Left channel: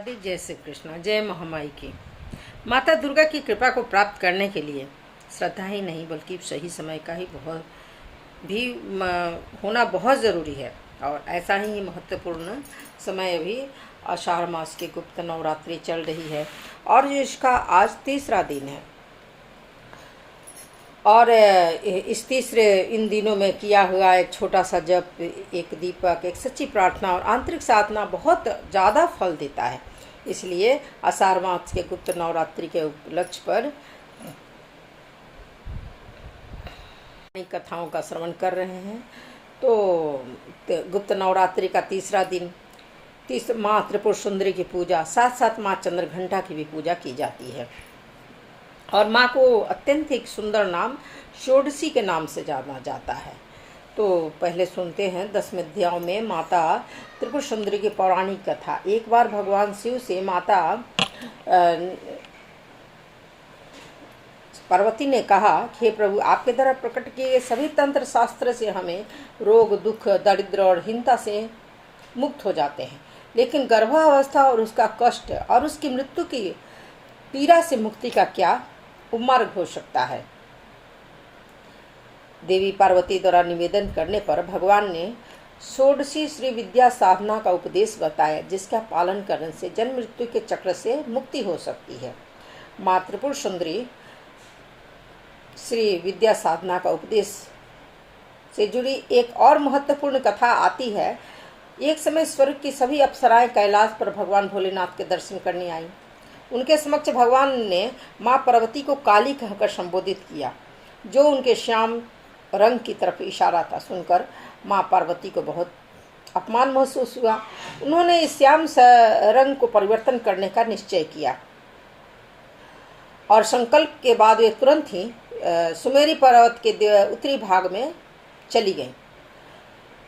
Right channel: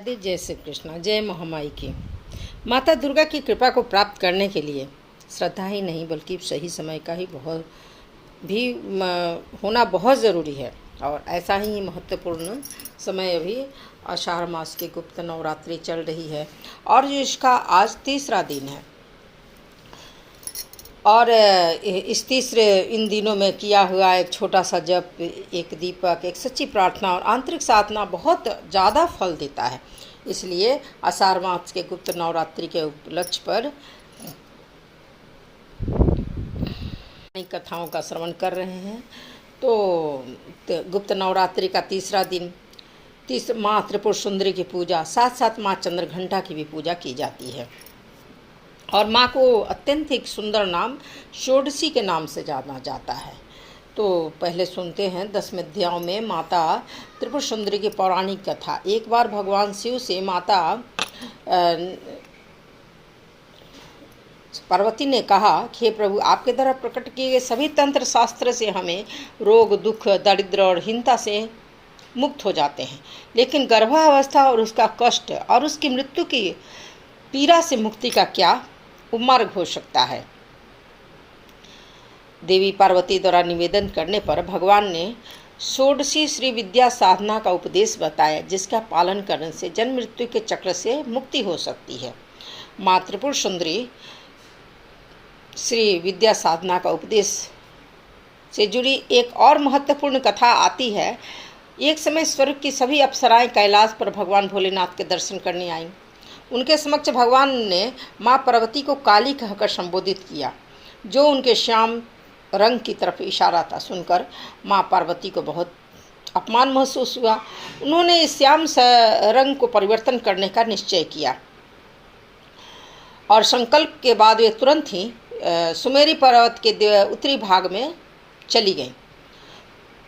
आदि जय श्री कृष्ण। जय महामाई की। माता दुर्गा की कृपा को प्राप्त करने के लिए श्रद्धा ही नहीं बल्कि सही समय का ही बहुत भी होना बहुत ज़रूरी है। और ऐसा ही महत्वपूर्ण समय अभी आषाढ़ मास की गुप्त नवरात्रि चल रही है और इसका आज तीसरा दिन है। और इस तीसरे इन दिनों में किया हुआ एक छोटा सा जप, एक दीपक, एक सच्ची प्रार्थना और आंतरिक साधना बहुत ज़्यादा फल देता है। इसलिए आषाढ़ मास के गुप्त नवरात्रि के उपलक्ष्य पर कथाओं का श्रवण कर रहे हैं। तो गुप्त नवरात्रि का तीसरा दिन माँ त्रिपुर सुंदरी की पूजा, साथ साथ माँ चंद्रघंटा की भी पूजा की जाती है। और माँ को अत्यंत एक सुंदर नाम षोडशी के नाम से जाना जाता है। तो पहले सुनते हैं 10 अध्यायों में माता त्रिपुर सुंदरी की पौराणिक कथा। एक बार भगवान शिव से माता पार्वती ने कहा कि हे प्रभु, आपके द्वारा प्रकट किए गए सभी तंत्र शास्त्र से हमें रोग, दुख, दरिद्र और हीनता से मुक्त हो जाते हैं, लेकिन गर्भावस्था और उसका कष्ट और उसकी मृत्यु की पीड़ा से मुक्ति का क्या मार्ग हो सकता है। देवी पार्वती द्वारा निवेदन करने पर भगवान ने षोडशी श्री विद्या साधना का उपदेश बताया, जिसका पालन करने से जन्म मृत्यु के चक्र से मुक्ति हो सकती है। माँ त्रिपुर सुंदरी श्री विद्या साधना का उपदेश से जुड़ी एक और महत्वपूर्ण कथा आती है। एक समय स्वर्ग की सभी अप्सराएं कैलाश पर भगवान भोलेनाथ के दर्शन करने आईं। उनके समक्ष भगवान ने माँ पार्वती को काली कहकर संबोधित किया, जो उनके श्याम रंग की तरफ इशारा था। सुनकर माँ पार्वती को बहुत अपमान महसूस हुआ। उन्होंने इस श्याम रंग को परिवर्तन करने का निश्चय किया और संकल्प के बाद वे तुरंत ही सुमेरी पर्वत के उत्तरी भाग में चली गईं।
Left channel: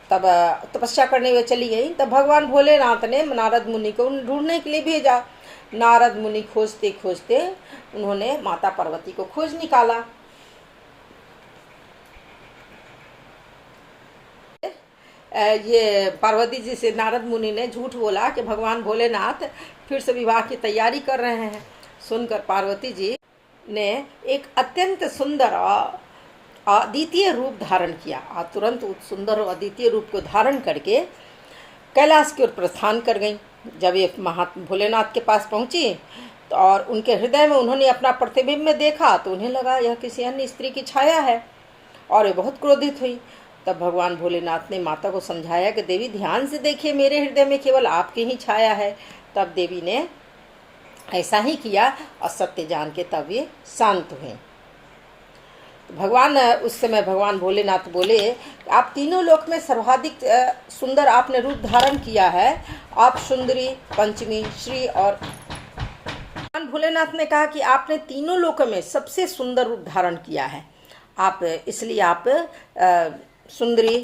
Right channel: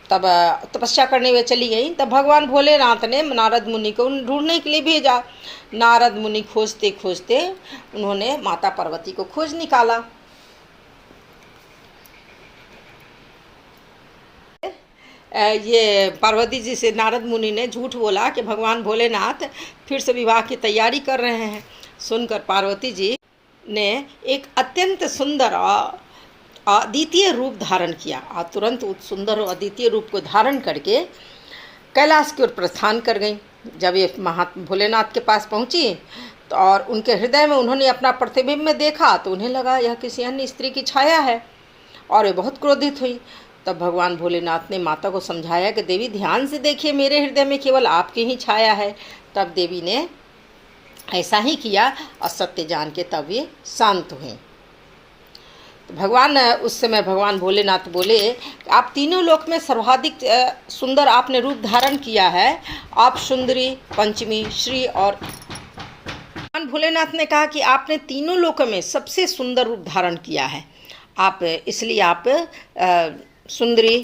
तब तपस्या करने वे चली गई। तब भगवान भोलेनाथ ने नारद मुनि को ढूंढने के लिए भेजा। नारद मुनि खोजते खोजते उन्होंने माता पार्वती को खोज निकाला। ये पार्वती जी से नारद मुनि ने झूठ बोला कि भगवान भोलेनाथ फिर से विवाह की तैयारी कर रहे हैं। सुनकर पार्वती जी ने एक अत्यंत सुंदर अद्वितीय रूप धारण किया और तुरंत उस सुंदर और अद्वितीय रूप को धारण करके कैलाश की ओर प्रस्थान कर गईं। जब ये भोलेनाथ के पास पहुंची तो और उनके हृदय में उन्होंने अपना प्रतिबिंब में देखा तो उन्हें लगा यह किसी अन्य स्त्री की छाया है और वे बहुत क्रोधित हुई। तब भगवान भोलेनाथ ने माता को समझाया कि देवी, ध्यान से देखिए, मेरे हृदय में केवल आपकी ही छाया है। तब देवी ने ऐसा ही किया और सत्य जान के तब ये शांत हुए। भगवान उस समय भगवान भोलेनाथ बोले, आप तीनों लोक में सर्वाधिक सुंदर आपने रूप धारण किया है। आप सुंदरी, पंचमी, श्री और भगवान भोलेनाथ ने कहा कि आपने तीनों लोकों में सबसे सुंदर रूप धारण किया है। आप इसलिए आप सुंदरी,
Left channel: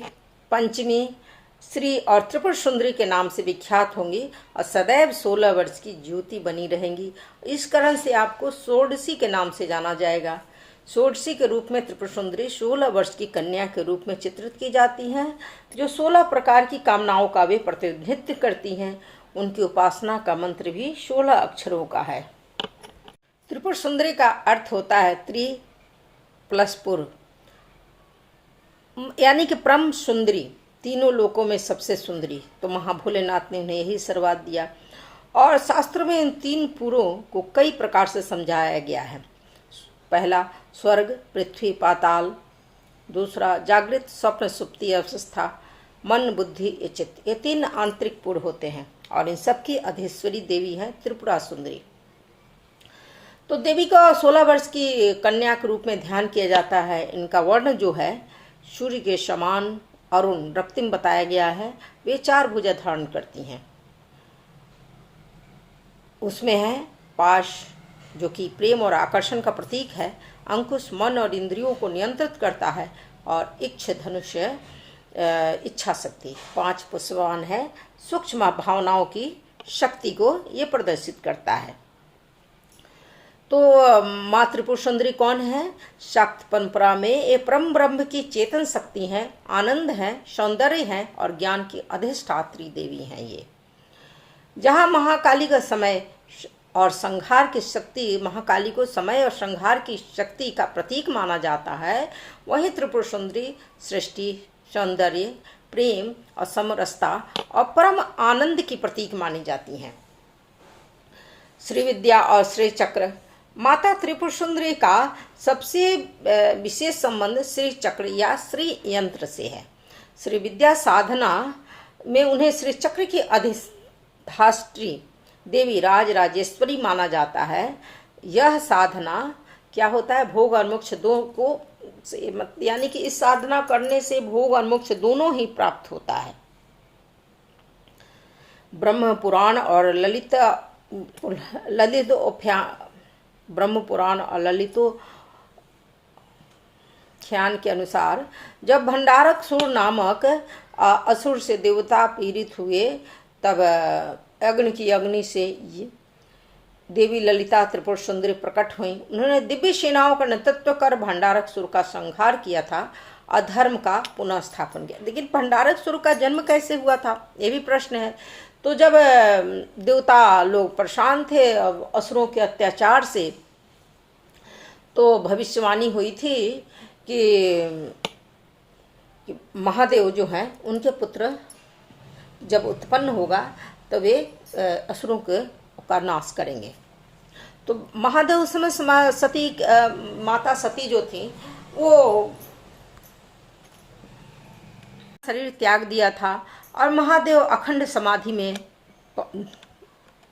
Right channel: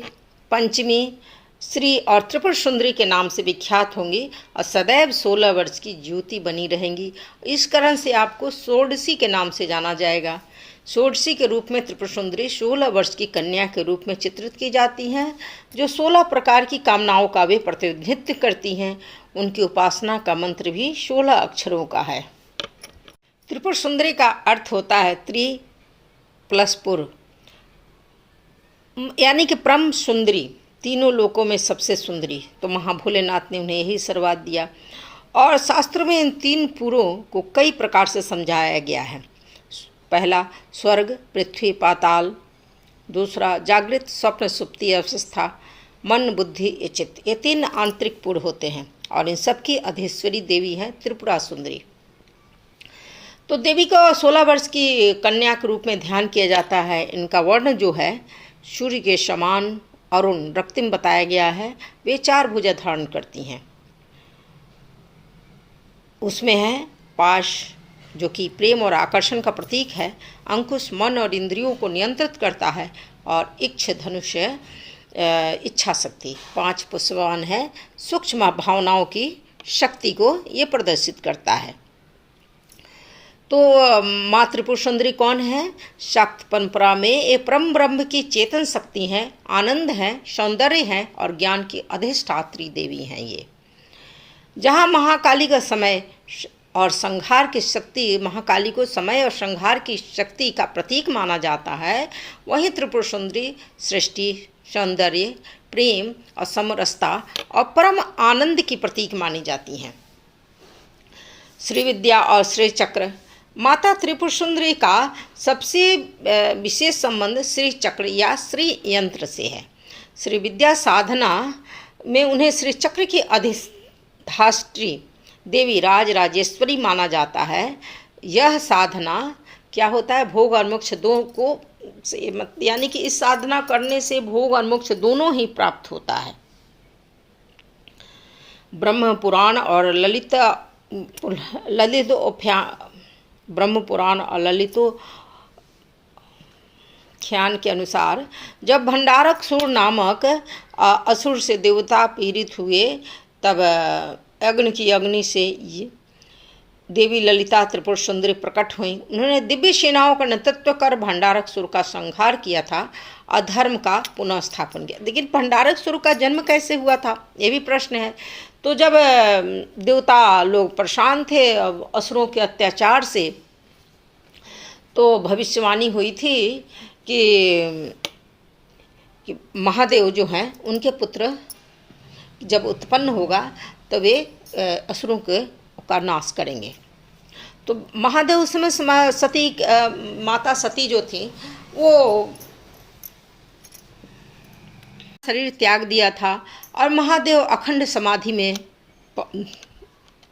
पंचमी, श्री और त्रिपुर सुंदरी के नाम से विख्यात होंगी और सदैव 16 वर्ष की ज्योति बनी रहेंगी। इस कारण से आपको षोडशी के नाम से जाना जाएगा। षोडशी के रूप में त्रिपुर सुंदरी 16 वर्ष की कन्या के रूप में चित्रित की जाती हैं, जो 16 प्रकार की कामनाओं का वे प्रतिनिधित्व करती हैं। उनकी उपासना का मंत्र भी 16 अक्षरों का है। त्रिपुर सुंदरी का अर्थ होता है त्रि प्लस पुर, यानी कि परम सुंदरी, तीनों लोकों में सबसे सुंदरी। तो महाभोलेनाथ ने उन्हें यही आशीर्वाद दिया। और शास्त्र में इन 3 पुरों को कई प्रकार से समझाया गया है। पहला स्वर्ग, पृथ्वी, पाताल। दूसरा जागृत, स्वप्न, सुप्ति अवस्था, मन, बुद्धि, चित्त। ये 3 आंतरिक पुर होते हैं और इन सबकी अधीश्वरी देवी हैं त्रिपुरा सुंदरी। तो देवी का 16 वर्ष की कन्या के रूप में ध्यान किया जाता है। इनका वर्ण जो है सूर्य के समान अरुण रक्तिम बताया गया है। वे 4 भुजा धारण करती हैं। उसमें है पाश, जो कि प्रेम और आकर्षण का प्रतीक है। अंकुश मन और इंद्रियों को नियंत्रित करता है। और इच्छ धनुष इच्छा शक्ति। 5 पुष्पवान है, सूक्ष्म भावनाओं की शक्ति को ये प्रदर्शित करता है। तो माँ त्रिपुर सुंदरी कौन है? शाक्त परंपरा में ये परम ब्रह्म की चेतन शक्ति हैं, आनंद हैं, सौंदर्य हैं और ज्ञान की अधिष्ठात्री देवी हैं। ये जहाँ महाकाली का समय और संहार की शक्ति, महाकाली को समय और संहार की शक्ति का प्रतीक माना जाता है, वहीं त्रिपुर सुंदरी सृष्टि, सौंदर्य, प्रेम और समरसता और परम आनंद की प्रतीक मानी जाती हैं। श्री विद्या और श्री चक्र। माता त्रिपुर सुंदरी का सबसे विशेष संबंध श्री चक्र या श्री यंत्र से है। श्री विद्या साधना में उन्हें श्री चक्र की अधिष्ठात्री देवी राज राजेश्वरी माना जाता है। यह साधना क्या होता है, भोग और मोक्ष दो को, यानी कि इस साधना करने से भोग और मोक्ष दोनों ही प्राप्त होता है। ब्रह्म पुराण और ब्रह्म पुराण और ललितोख्यान के अनुसार जब भंडारक सुर नामक असुर से देवता पीड़ित हुए, तब अग्नि से देवी ललिता त्रिपुर सुंदरी प्रकट हुई। उन्होंने दिव्य सेनाओं का नेतृत्व कर भंडारक सुर का संहार किया था, अधर्म का पुनः स्थापन किया। लेकिन भंडारक सुर का जन्म कैसे हुआ था, ये भी प्रश्न है। तो जब देवता लोग परेशान थे असुरों के अत्याचार से, तो भविष्यवाणी हुई थी कि महादेव जो हैं उनके पुत्र जब उत्पन्न होगा तो वे असुरों का नाश करेंगे। तो महादेव उस समय सती माता सती जो थी वो शरीर त्याग दिया था और महादेव अखंड समाधि में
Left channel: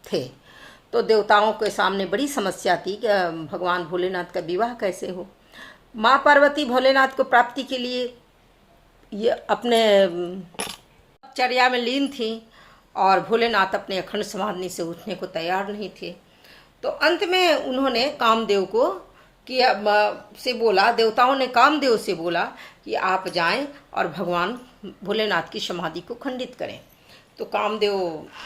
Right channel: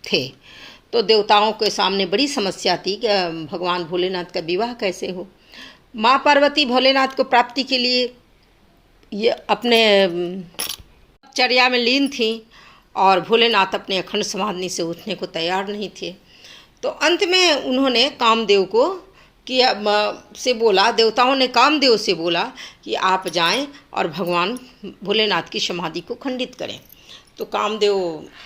थे। तो देवताओं के सामने बड़ी समस्या थी कि भगवान भोलेनाथ का विवाह कैसे हो। माँ पार्वती भोलेनाथ को प्राप्ति के लिए ये अपने चर्या में लीन थी और भोलेनाथ अपने अखंड समाधि से उठने को तैयार नहीं थे। तो अंत में उन्होंने कामदेव को से बोला, देवताओं ने कामदेव से बोला कि आप जाएं और भगवान भोलेनाथ की समाधि को खंडित करें। तो कामदेव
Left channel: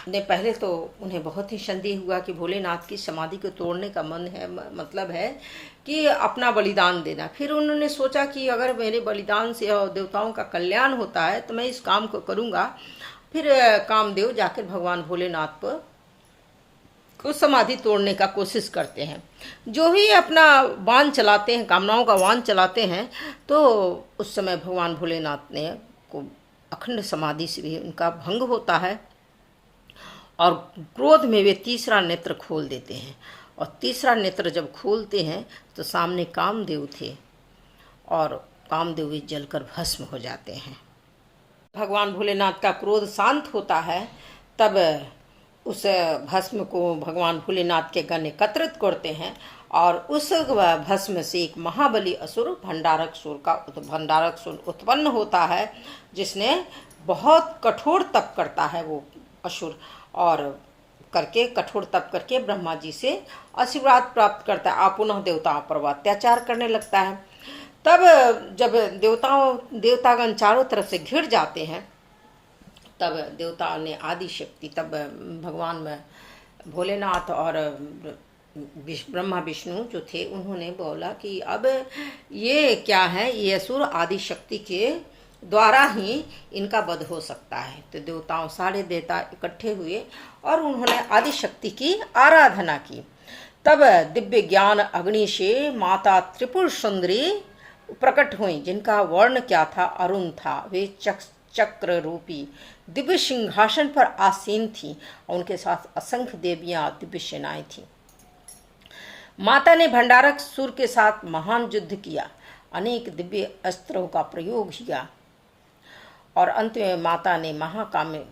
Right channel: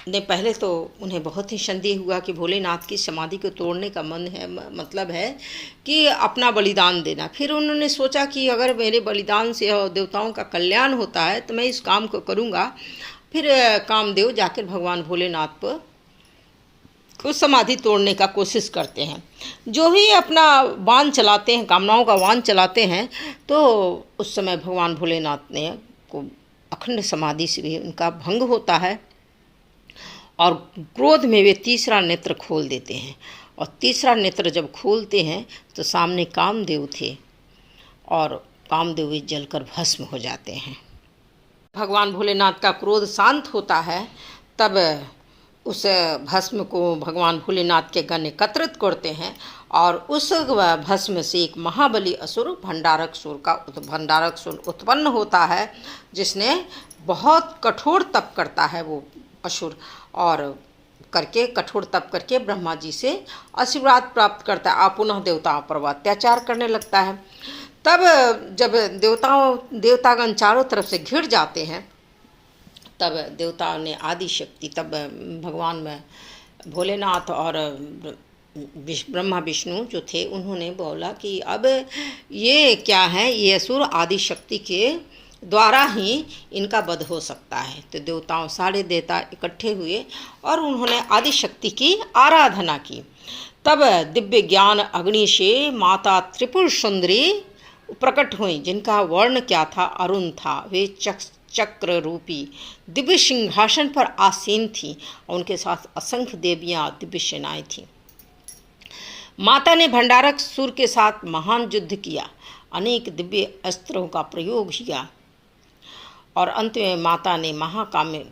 ने पहले तो उन्हें बहुत ही संदेह हुआ कि भोलेनाथ की समाधि को तोड़ने का मतलब है कि अपना बलिदान देना। फिर उन्होंने सोचा कि अगर मेरे बलिदान से देवताओं का कल्याण होता है तो मैं इस काम को करूँगा। फिर कामदेव जाकर भगवान भोलेनाथ पर उस समाधि तोड़ने का कोशिश करते हैं। जो भी अपना बाण चलाते हैं, कामनाओं का बाण चलाते हैं, तो उस समय भगवान भोलेनाथ ने को अखंड समाधि से भी उनका भंग होता है और क्रोध में वे तीसरा नेत्र खोल देते हैं। और तीसरा नेत्र जब खोलते हैं तो सामने कामदेव थे और कामदेव जलकर भस्म हो जाते हैं। भगवान भोलेनाथ का क्रोध शांत होता है, तब उस भस्म को भगवान भोलेनाथ के गण एकत्रित करते हैं और उस भस्म से एक महाबली असुर भंडारक सुर उत्पन्न होता है, जिसने बहुत कठोर तप करता है वो असुर, और कठोर तप करके ब्रह्मा जी से आशीर्वाद प्राप्त करता है और पुनः देवताओं पर अत्याचार करने लगता है। तब जब देवतागण चारों तरफ से घिर जाते हैं, तब देवताओं ने आदि शक्ति, तब भगवान में भोलेनाथ और ब्रह्मा विष्णु जो थे उन्होंने बोला कि अब ये क्या है, ये असुर आदि शक्ति के द्वारा ही इनका वध हो सकता है। तो सारे देवता इकट्ठे हुए और उन्होंने आदि शक्ति की आराधना की। तब दिव्य ज्ञान अग्नि से माता त्रिपुर सुंदरी प्रकट हुई, जिनका वर्ण क्या था, अरुण था। वे चक्र रूपी दिव्य सिंहासन पर आसीन थी और उनके साथ असंख्य देवियां दिव्य सेनाएं थीं। माता ने भंडारक सुर के साथ महान युद्ध किया, अनेक दिव्य अस्त्रों का प्रयोग किया और अंत में माता ने महाकाम्य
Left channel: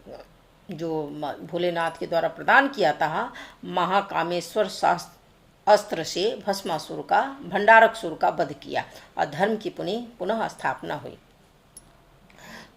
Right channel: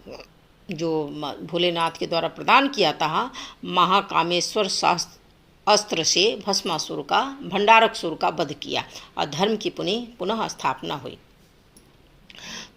जो भोलेनाथ के द्वारा प्रदान किया था, महाकामेश्वर अस्त्र से भस्मासुर का, भंडारक सुर का वध किया और धर्म की पुनः स्थापना हुई।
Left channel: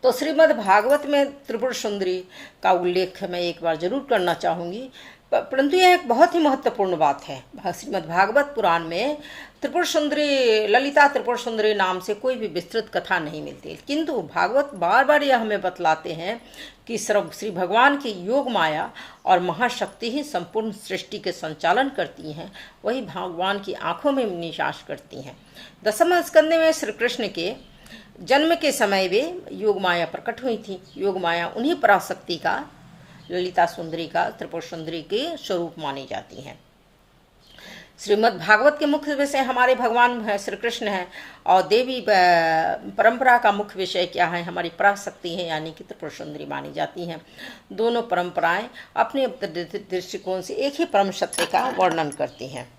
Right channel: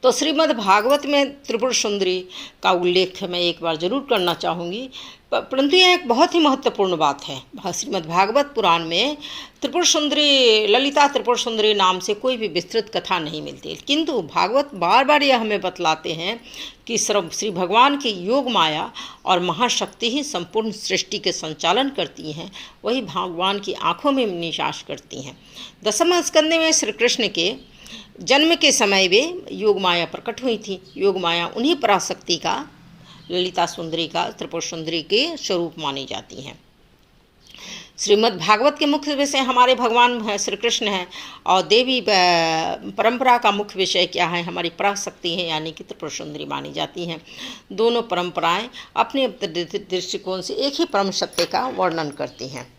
तो श्रीमद् भागवत में त्रिपुर सुंदरी का उल्लेख मैं एक बार जरूर करना चाहूँगी, परंतु यह एक बहुत ही महत्वपूर्ण बात है। श्रीमद् भागवत पुराण में त्रिपुर सुंदरी, ललिता त्रिपुर सुंदरी नाम से कोई भी विस्तृत कथा नहीं मिलती, किंतु भागवत बार बार यह हमें बतलाते हैं कि श्री भगवान की योग माया और महाशक्ति ही संपूर्ण सृष्टि के संचालन करती हैं, वही भगवान की आँखों में निवास करती हैं। दसम स्कंद में श्री कृष्ण के जन्म के समय वे योग माया प्रकट हुई थी। योग माया उन्हीं पराशक्ति का ललिता सुंदरी का त्रिपुर सुंदरी के स्वरूप मानी जाती हैं। श्रीमद् भागवत के मुख्य विषय हमारे भगवान श्री कृष्ण हैं और देवी परंपरा का मुख्य विषय क्या है, हमारी पराशक्ति है यानी कि त्रिपुर सुंदरी मानी जाती हैं। दोनों परंपराएं अपने दृष्टिकोण से एक ही परम सत्य का वर्णन करती हैं।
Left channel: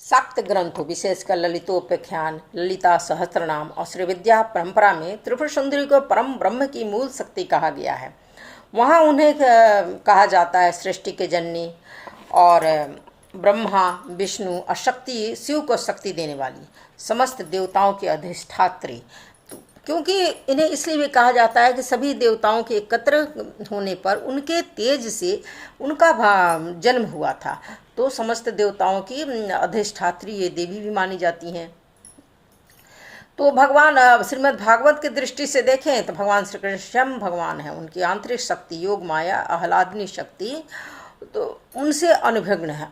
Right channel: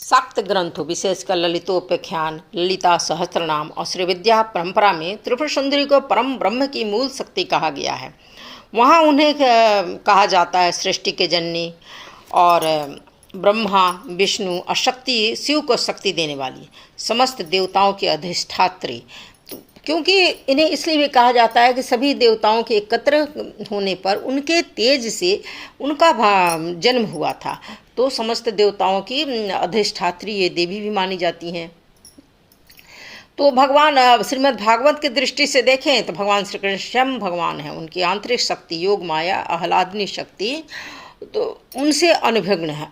शाक्त ग्रंथों विशेषकर ललितोपाख्यान, ललिता सहस्त्रनाम और श्रीविद्या परंपरा में त्रिपुर सुंदरी को परम ब्रह्म की मूल शक्ति कहा गया है। वहाँ उन्हें कहा जाता है सृष्टि के जननी और ब्रह्मा विष्णु और शक्ति शिव को शक्ति देने वाली, समस्त देवताओं की अधिष्ठात्री। क्योंकि इन्हें इसलिए भी कहा जाता है कि सभी देवताओं के एकत्र होने पर उनके तेज से उनका जन्म हुआ था, तो समस्त देवताओं की अधिष्ठात्री ये देवी भी मानी जाती हैं। तो भगवान श्रीमद् भागवत की दृष्टि से देखें तो भगवान श्री कृष्ण स्वयं भगवान हैं। उनकी आंतरिक शक्ति योग माया आह्लादनी शक्ति तो उनसे अनभिज्ञ है,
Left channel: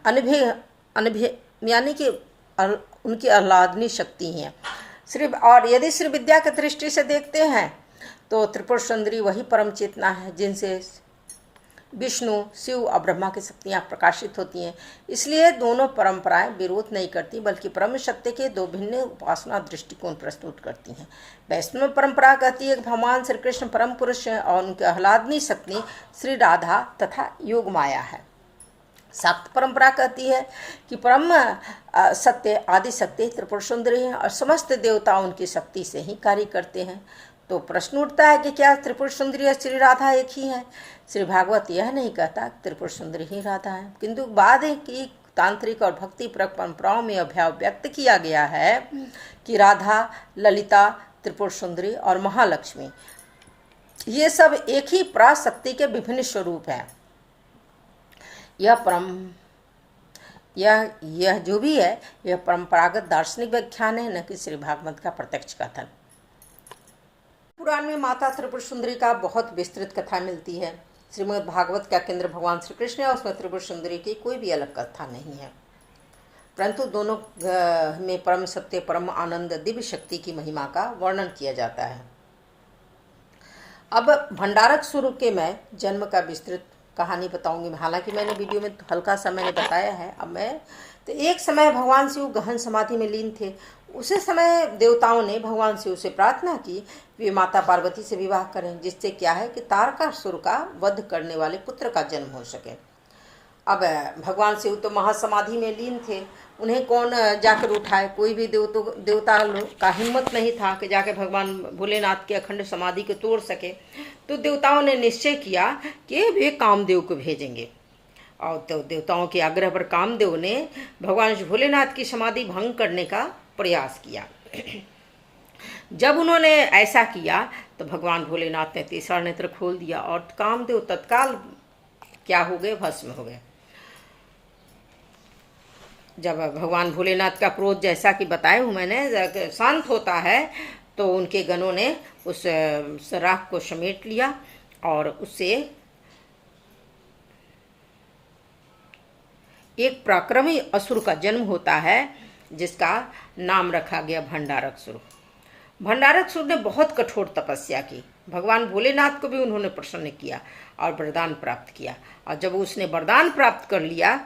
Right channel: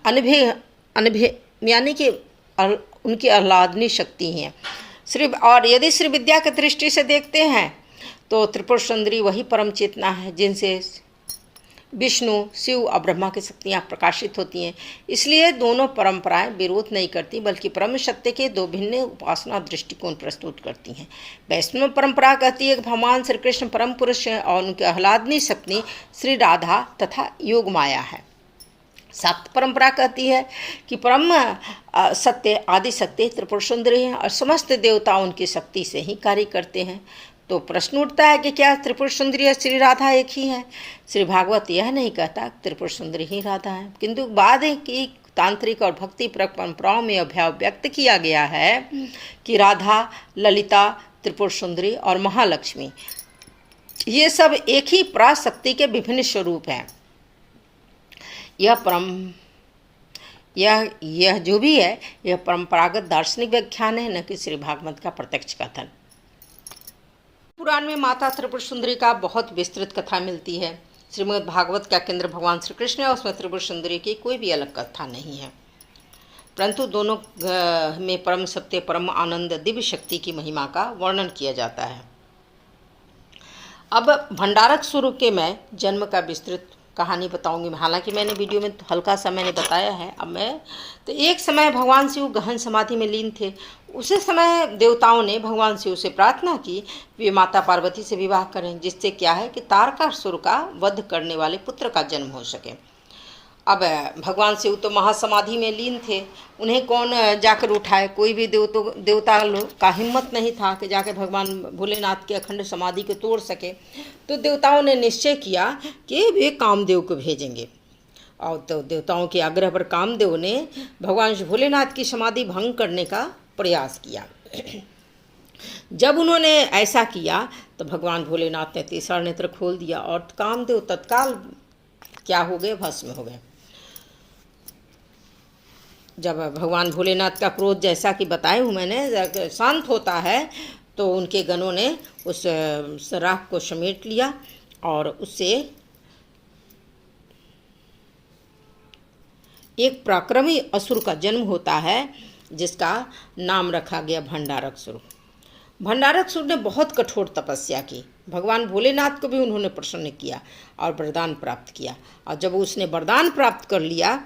यानी कि उनकी आह्लादनी शक्ति हैं। और यदि श्री विद्या की दृष्टि से देखते हैं तो त्रिपुर सुंदरी वही परम चेतना है जिनसे विष्णु शिव और ब्रह्मा की शक्तियाँ प्रकाशित होती हैं। इसलिए दोनों परंपराएं विरोध नहीं करती बल्कि परम सत्य के दो भिन्न उपासना दृष्टिकोण प्रस्तुत करती हैं। वैष्णव परंपरा कहती है कि भगवान श्री कृष्ण परम पुरुष हैं और उनके आह्लादनी शक्ति श्री राधा तथा योग माया है। शाक्त परंपरा कहती है कि परम सत्य आदि सत्य त्रिपुर सुंदरी हैं और समस्त देवता उनकी शक्ति से ही कार्य करते हैं। तो प्रश्न उठता है कि क्या त्रिपुर सुंदरी और श्री राधा एक ही है? श्री भागवत यह नहीं कहता त्रिपुर सुंदरी ही राधा है, किंतु बाद की तांत्रिक और भक्ति परंपराओं में अभ्याव व्यक्त किया गया है कि राधा, ललिता, त्रिपुर सुंदरी और महालक्ष्मी ये सब एक ही पराशक्ति के विभिन्न स्वरूप हैं। यह जो भी है यह परंपरागत दार्शनिक व्याख्यान है, न कि श्री भागवत का प्रत्यक्ष कथन। पुराण में माता त्रिपुर सुंदरी का बहुत विस्तृत कथा मिलती है। श्रीमद् भागवत का केंद्र भगवान श्री कृष्ण है, उसमें त्रिपुर सुंदरी की कोई भी अलग कथा नहीं है, परंतु दोनों में परम सत्य, परम आनंद, दिव्य शक्ति की महिमा का वर्णन किया जाता है। अब भंडारक स्वरूप के मैं जन्म का विस्तृत कहानी बताऊंगी। हालांकि मैंने वीडियो में हल्का सा मैंने बताया है। अब मैं तो एक समय भगवान शिव गहन समाधि में लीन थे। उसी समय देवताओं ने भगवान शिव से प्रार्थना की वे माता पार्वती से विवाह करें, जिससे क्या है कि तारकासुर का वध करने वाले पुत्र का जन्म हो सके। अब भगवान शिव तो महासमाधि में लीन थे, उन्हें कौन जाकर उठाए? कोई भी देवता का हिम्मत नहीं था कि जाके भगवान भोलेनाथ के अखंड समाधि को तोड़ सके। तो देवताओं ने निश्चय किया कि वे कामदेव को भेजेंगे, और तो देवताओं के आग्रह पर कामदेव ने भगवान भोलेनाथ की समाधि भंग करने का प्रयास किया। जब उन्होंने ऐसा किया तो भगवान भोलेनाथ ने तीसरा नेत्र खोल दिया और कामदेव तत्काल क्या हो गए? भस्म हो गए। जब भगवान भोलेनाथ का क्रोध जैसा कि बताए हूँ मैंने शांत होता है तो उनके गणों ने उस राख को समेट लिया और उससे एक पराक्रमी असुर का जन्म होता है जिसका नाम रखा गया भंडारकसुर। भंडारकसुर ने बहुत कठोर तपस्या की। भगवान भोलेनाथ को भी उन्होंने प्रसन्न किया और वरदान प्राप्त किया, और जब उसने वरदान प्राप्त कर लिया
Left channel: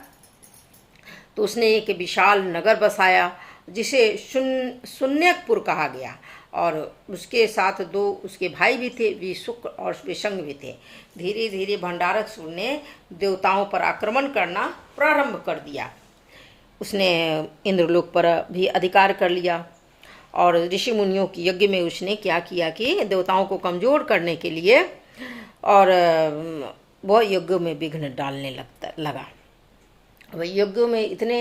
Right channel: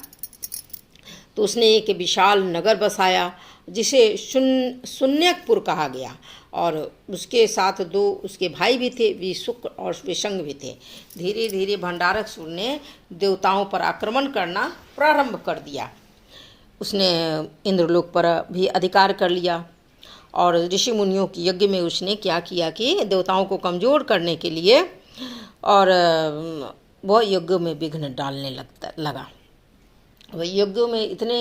तो उसने एक विशाल नगर बसाया जिसे शून्यकपुर कहा गया, और उसके साथ दो उसके भाई भी थे, विशुक और विशंग भी थे। धीरे धीरे भंडारकसुर ने देवताओं पर आक्रमण करना प्रारंभ कर दिया। उसने इंद्रलोक पर भी अधिकार कर लिया, और ऋषि मुनियों की यज्ञ में उसने क्या किया कि देवताओं को कमज़ोर करने के लिए और वह यज्ञ में विघ्न डालने लगा। वह यज्ञों में इतने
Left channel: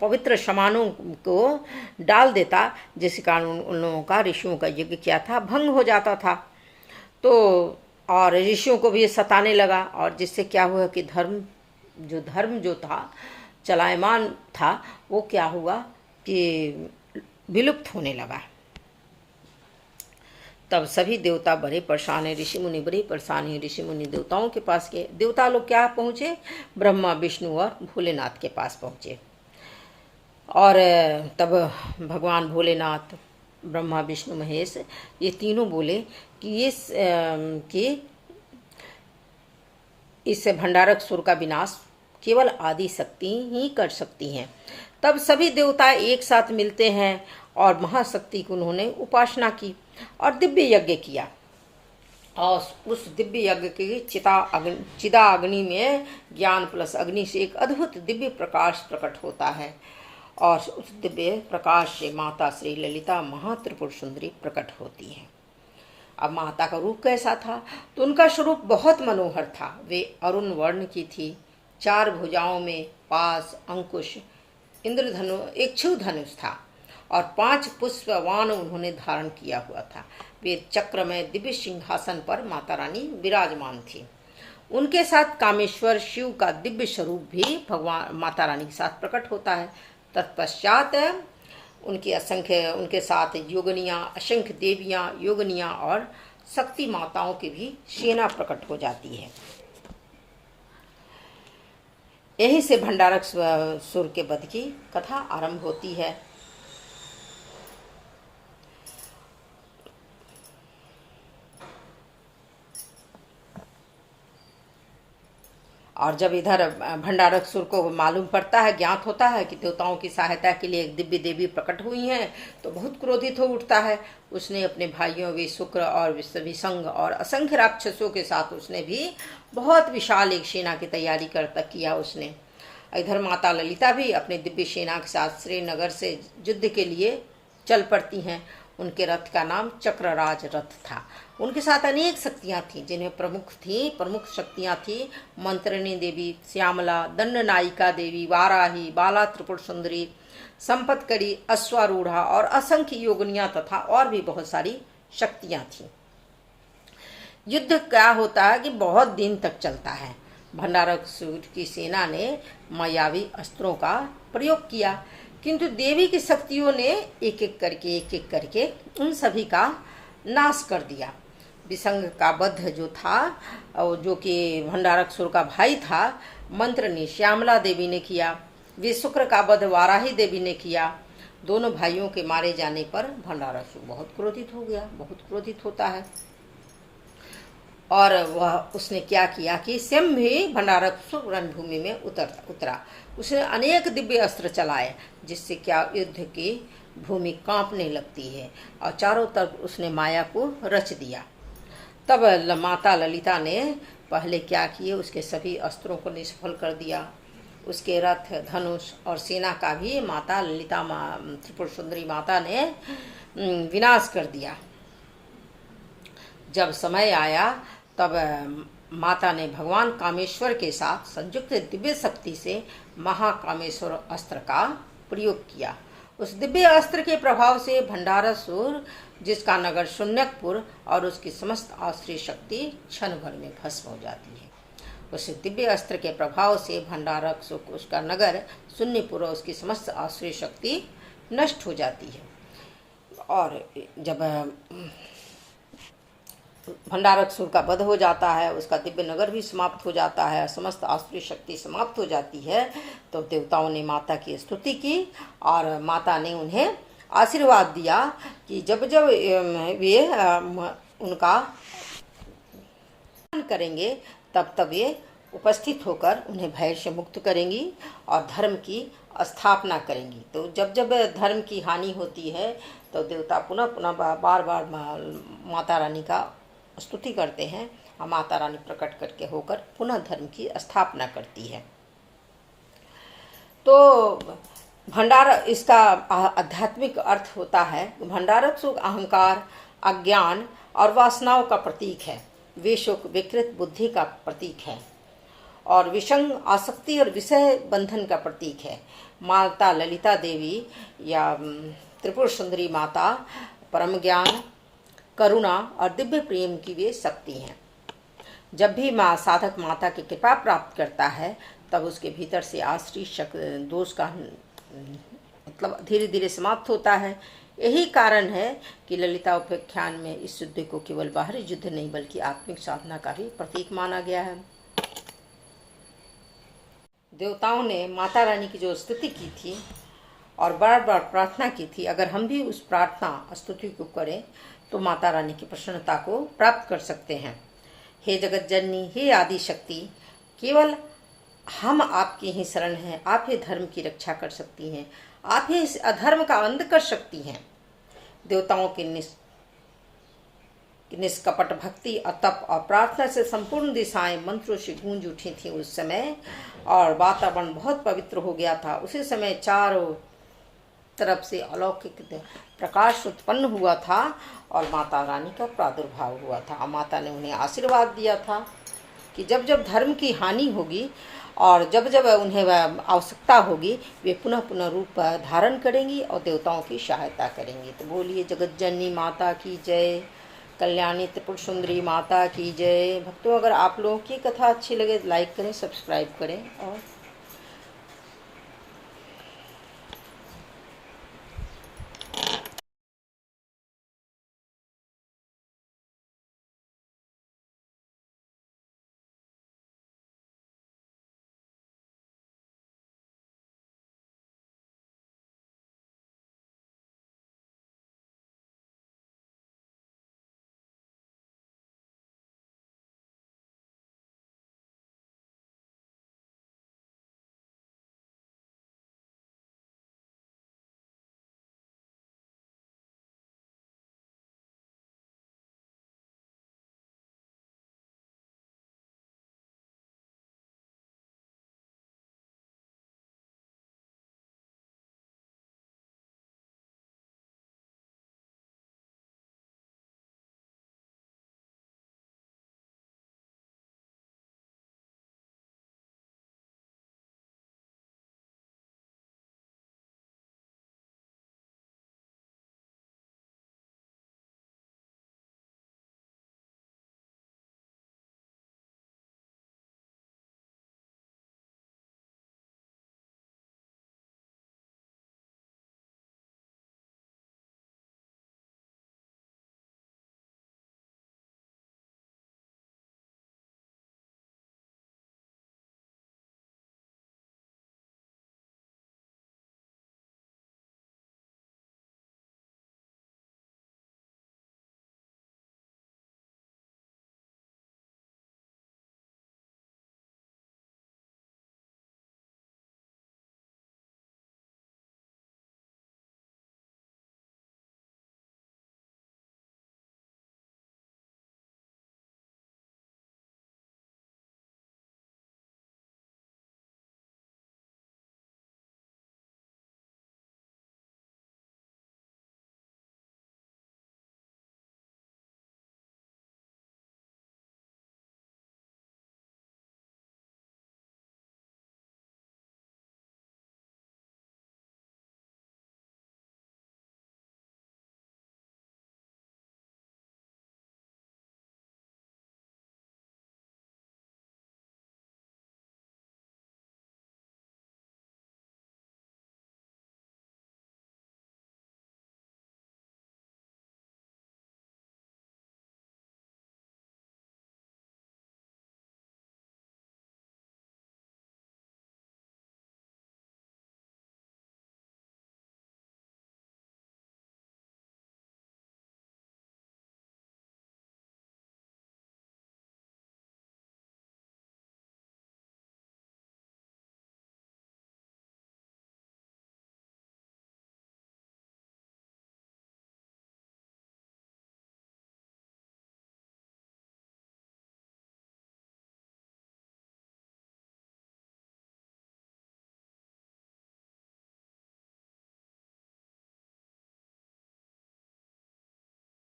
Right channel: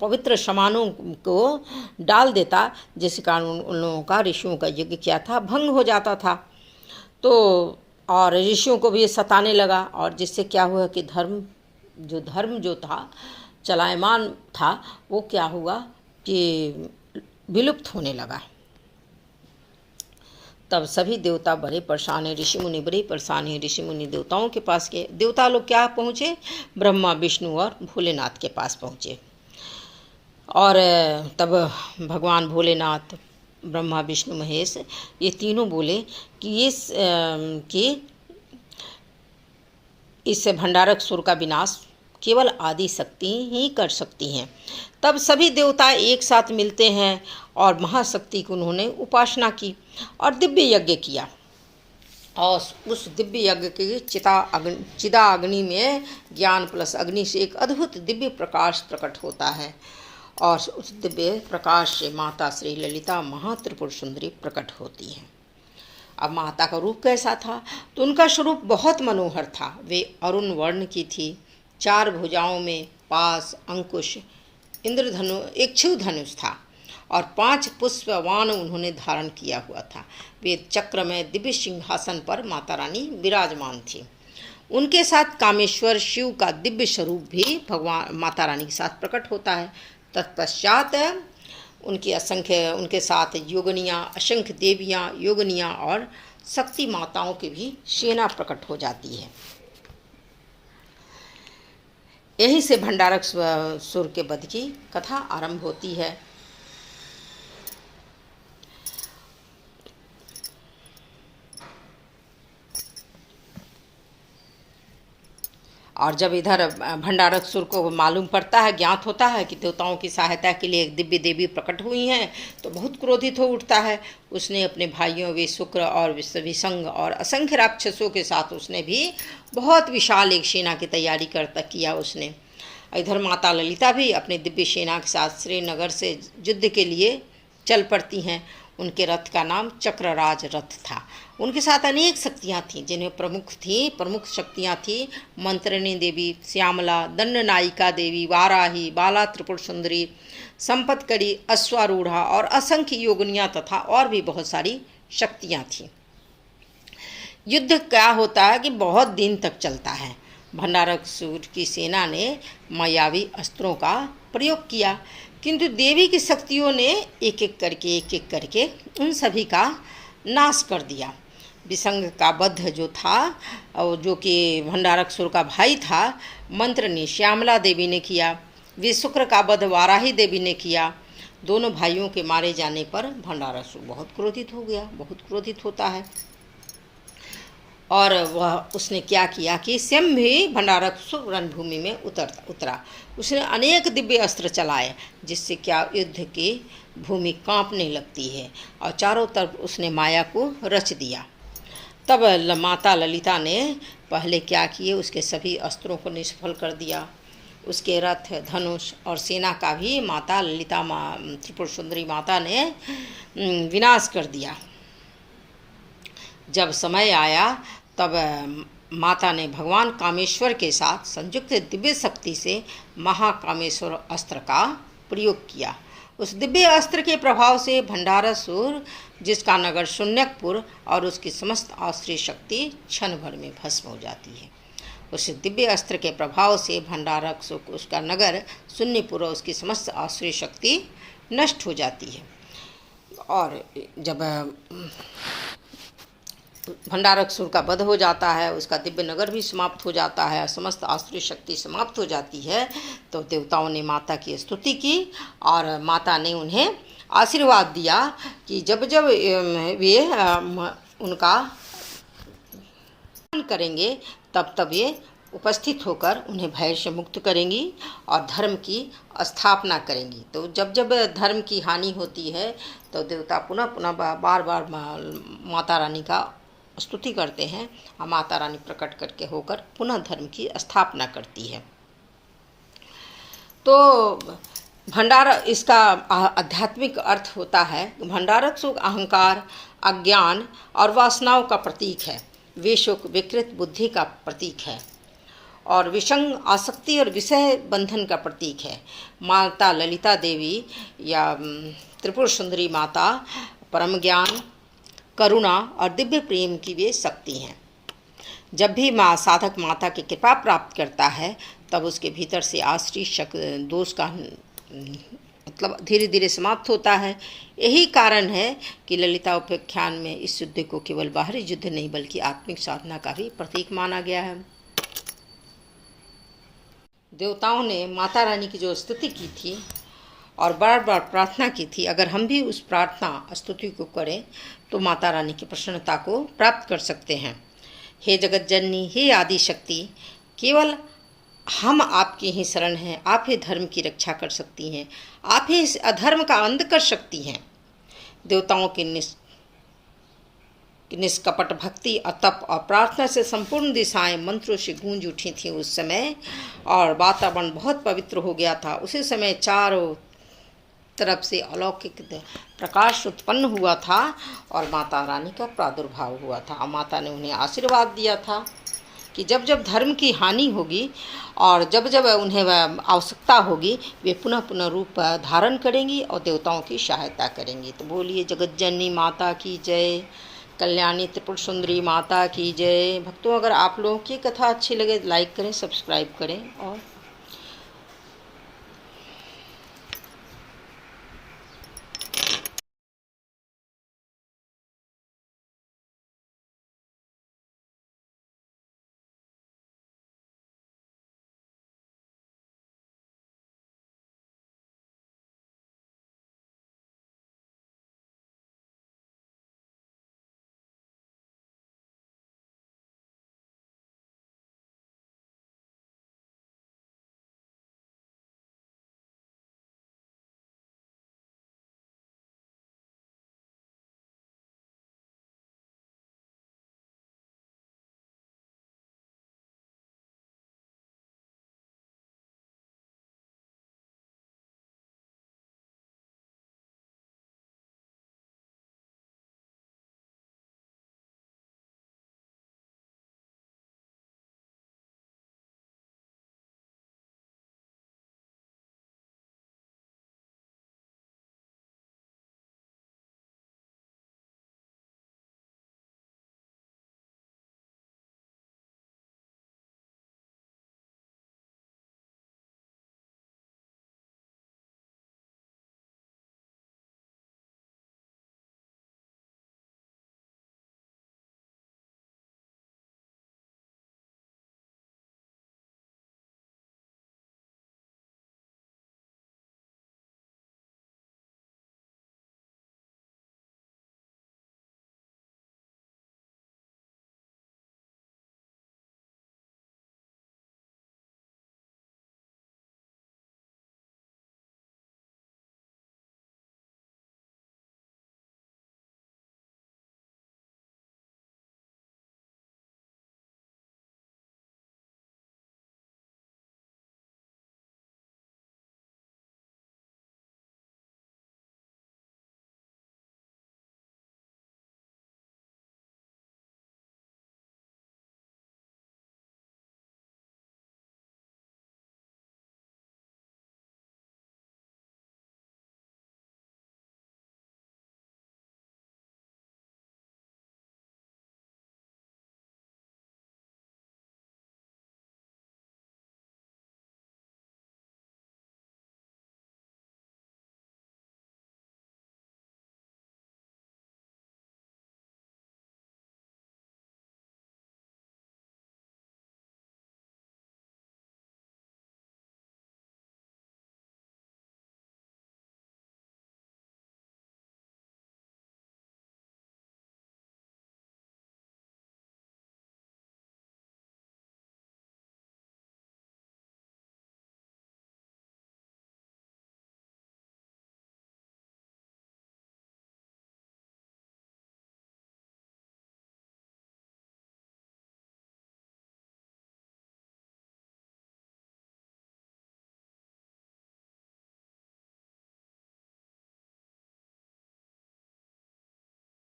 पवित्र सामानों को डाल देता जिस कारण उन लोगों का, ऋषियों का यज्ञ क्या था भंग हो जाता था। तो और ऋषियों को भी सताने लगा, और जिससे क्या हुआ कि धर्म जो था चलायमान था वो क्या हुआ कि विलुप्त होने लगा। तब सभी देवता बड़े परेशान हैं, ऋषि मुनि बड़े परेशान हैं। ऋषि मुनि देवताओं के पास गए। देवता लोग क्या पहुँचे? ब्रह्मा, विष्णु और भोलेनाथ के पास पहुँचे। और तब भगवान भोलेनाथ, ब्रह्मा, विष्णु, महेश ये तीनों बोले कि इस भंडारक सुर का विनाश केवल आदि शक्ति ही कर सकती हैं। तब सभी देवता एक साथ मिलते हैं और महाशक्ति की उन्होंने उपासना की और दिव्य यज्ञ किया। और उस दिव्य यज्ञ की चिदा अग्नि में ज्ञान प्लस अग्नि से एक अद्भुत दिव्य प्रकाश प्रकट होता है और उस दिव्य प्रकाश से माता श्री ललिता महात्रिपुर सुंदरी प्रकट होती हैं। अब माता का रूप कैसा था? तो उनका स्वरूप बहुत मनोहर था। वे अरुण वर्ण की थी, 4 भुजाओं में पास, अंकुश, इंद्रधनु, एक क्षुव धनुष था और 5 पुष्पवान उन्होंने धारण किया हुआ था। वे चक्र में दिव्य सिंहासन पर माता रानी विराजमान थी। उनके साथ कामेश्वर शिव का दिव्य स्वरूप भी भगवान माता रानी के साथ प्रकट होता है। तत्पश्चात उनके साथ योगनियाँ, असंख्य देवियाँ, योगनियाँ और शक्ति माताओं की भी सेना प्रकट हो जाती है। यहीं से भंडारक सुर के वध की कथा आरंभ होती है। और जब इधर भंडारक सुर को मालूम पड़ता है, ज्ञात होता है कि देवताओं की सहायता के लिए एक दिव्य देवी प्रकट हुई हैं, तो बहुत क्रोधित हो उठता है। उसने अपने भाइयों वे शुक्र और विसंग और असंख्य राक्षसों के साथ उसने भी बहुत विशाल एक सेना की तैयारी किया उसने। इधर माता ललिता भी अपने दिव्य सेना के साथ श्रीनगर से युद्ध के लिए चल पड़ती हैं। उनके रथ का नाम चक्रराज रथ था। उनके साथ अनेक शक्तियाँ थीं, जिनमें प्रमुख शक्तियाँ थीं मंत्रिणी देवी, श्यामला, दंडनायिका देवी, वाराही, बाला त्रिपुर सुंदरी, संपतकरी, अश्वारूढ़ा और असंख्य योगिनियाँ तथा और भी बहुत सारी शक्तियाँ थीं। युद्ध क्या होता है कि बहुत दिन तक चलता है। भंडारक सुर की सेना ने मायावी अस्त्रों का प्रयोग किया, किंतु देवी की शक्तियों ने एक एक करके उन सभी का नाश कर दिया। विसंग का वध जो था और जो कि भंडारक सुर का भाई था, मंत्र ने श्यामला देवी ने किया। विशुक्र का वध वाराही देवी ने किया। दोनों भाइयों के मारे जाने पर भंडारक सुर बहुत क्रोधित हो गया, बहुत क्रोधित होता है। और वह उसने क्या किया कि स्वयं भी भंडारक सुर रणभूमि में उतरा। उसने अनेक दिव्य अस्त्र चलाए, जिससे क्या युद्ध की भूमि कांपने लगती है और चारों तरफ उसने माया को रच दिया। तब माता ललिता ने पहले क्या किए, उसके सभी अस्त्रों को निष्फल कर दिया। उसके रथ, धनुष और सेना का भी माता ललिता त्रिपुर सुंदरी माता ने विनाश कर दिया। जब समय आया तब माता ने भगवान कामेश्वर के साथ संयुक्त दिव्य शक्ति से महाकामेश्वर अस्त्र का प्रयोग किया। उस दिव्य अस्त्र के प्रभाव से भंडारसुर, जिसका नगर शून्यकपुर और उसकी समस्त आश्रय शक्ति क्षण भर में भस्म हो जाती है। उस दिव्य अस्त्र के प्रभाव से भंडारसुर, उसका नगर शून्यपुर और उसकी समस्त आश्रय शक्ति नष्ट हो जाती है। और जब भंडारसुर का वध हो जाता है, उसका दिव्य नगर भी समाप्त हो जाता है, समस्त आश्रय शक्ति समाप्त हो जाती है, तो देवताओं ने माता की स्तुति की और माता ने उन्हें आशीर्वाद दिया कि जब जब वे उनका करेंगे तब तब वे उपस्थित होकर उन्हें भय से मुक्त करेंगी और धर्म की स्थापना करेंगी। तो जब जब धर्म की हानि होती है तो देवता पुनः पुनः बार बार माता रानी का स्तुति करते हैं और माता रानी प्रकट करके होकर पुनः धर्म की स्थापना करती है। तो भंडार, इसका आध्यात्मिक अर्थ होता है भंडारसुर अहंकार, अज्ञान और वासनाओं का प्रतीक है। विशुक विकृत बुद्धि का प्रतीक है और विसंग आसक्ति और विषय बंधन का प्रतीक है। माता ललिता देवी या त्रिपुर सुंदरी माता परम ज्ञान, करुणा और दिव्य प्रेम की वे शक्ति हैं। जब भी साधक माता की कृपा प्राप्त करता है तब उसके भीतर से आश्रय दोष का मतलब धीरे धीरे समाप्त होता है। यही कारण है कि ललिता उपाख्यान में इस युद्ध को केवल बाहरी युद्ध नहीं बल्कि आत्मिक साधना का भी प्रतीक माना गया है। देवताओं ने माता रानी की जो स्तुति की थी और बार बार प्रार्थना की थी, अगर हम भी उस प्रार्थना स्तुति को करें तो माता रानी की प्रसन्नता को प्राप्त कर सकते हैं। हे जगत जननी, हे आदि शक्ति, केवल हम आपकी ही शरण हैं, आप ही धर्म की रक्षा कर सकती हैं, आप ही इस अधर्म का अंत कर सकती हैं। देवताओं की निष्कपट भक्ति और तप और प्रार्थना से संपूर्ण दिशाएं मंत्रों से गूंज उठी थी उस समय, और वातावरण बहुत पवित्र हो गया था। उसी समय चारों तरफ से अलौकिक प्रकाश उत्पन्न हुआ था और माता रानी का प्रादुर्भाव हुआ था। और माता ने उन्हें आशीर्वाद दिया था कि जब जब धर्म की हानि होगी और जब जब उन्हें आवश्यकता होगी, वे पुनः पुनः रूप धारण करेंगी और देवताओं की सहायता करेंगी। तो बोलिए जगज्जननी माता की जय, कल्याणी त्रिपुर सुंदरी माता की जय। भक्तों, अगर आप लोगों की कथा अच्छी लगे लाइक करें, सब्सक्राइब करें और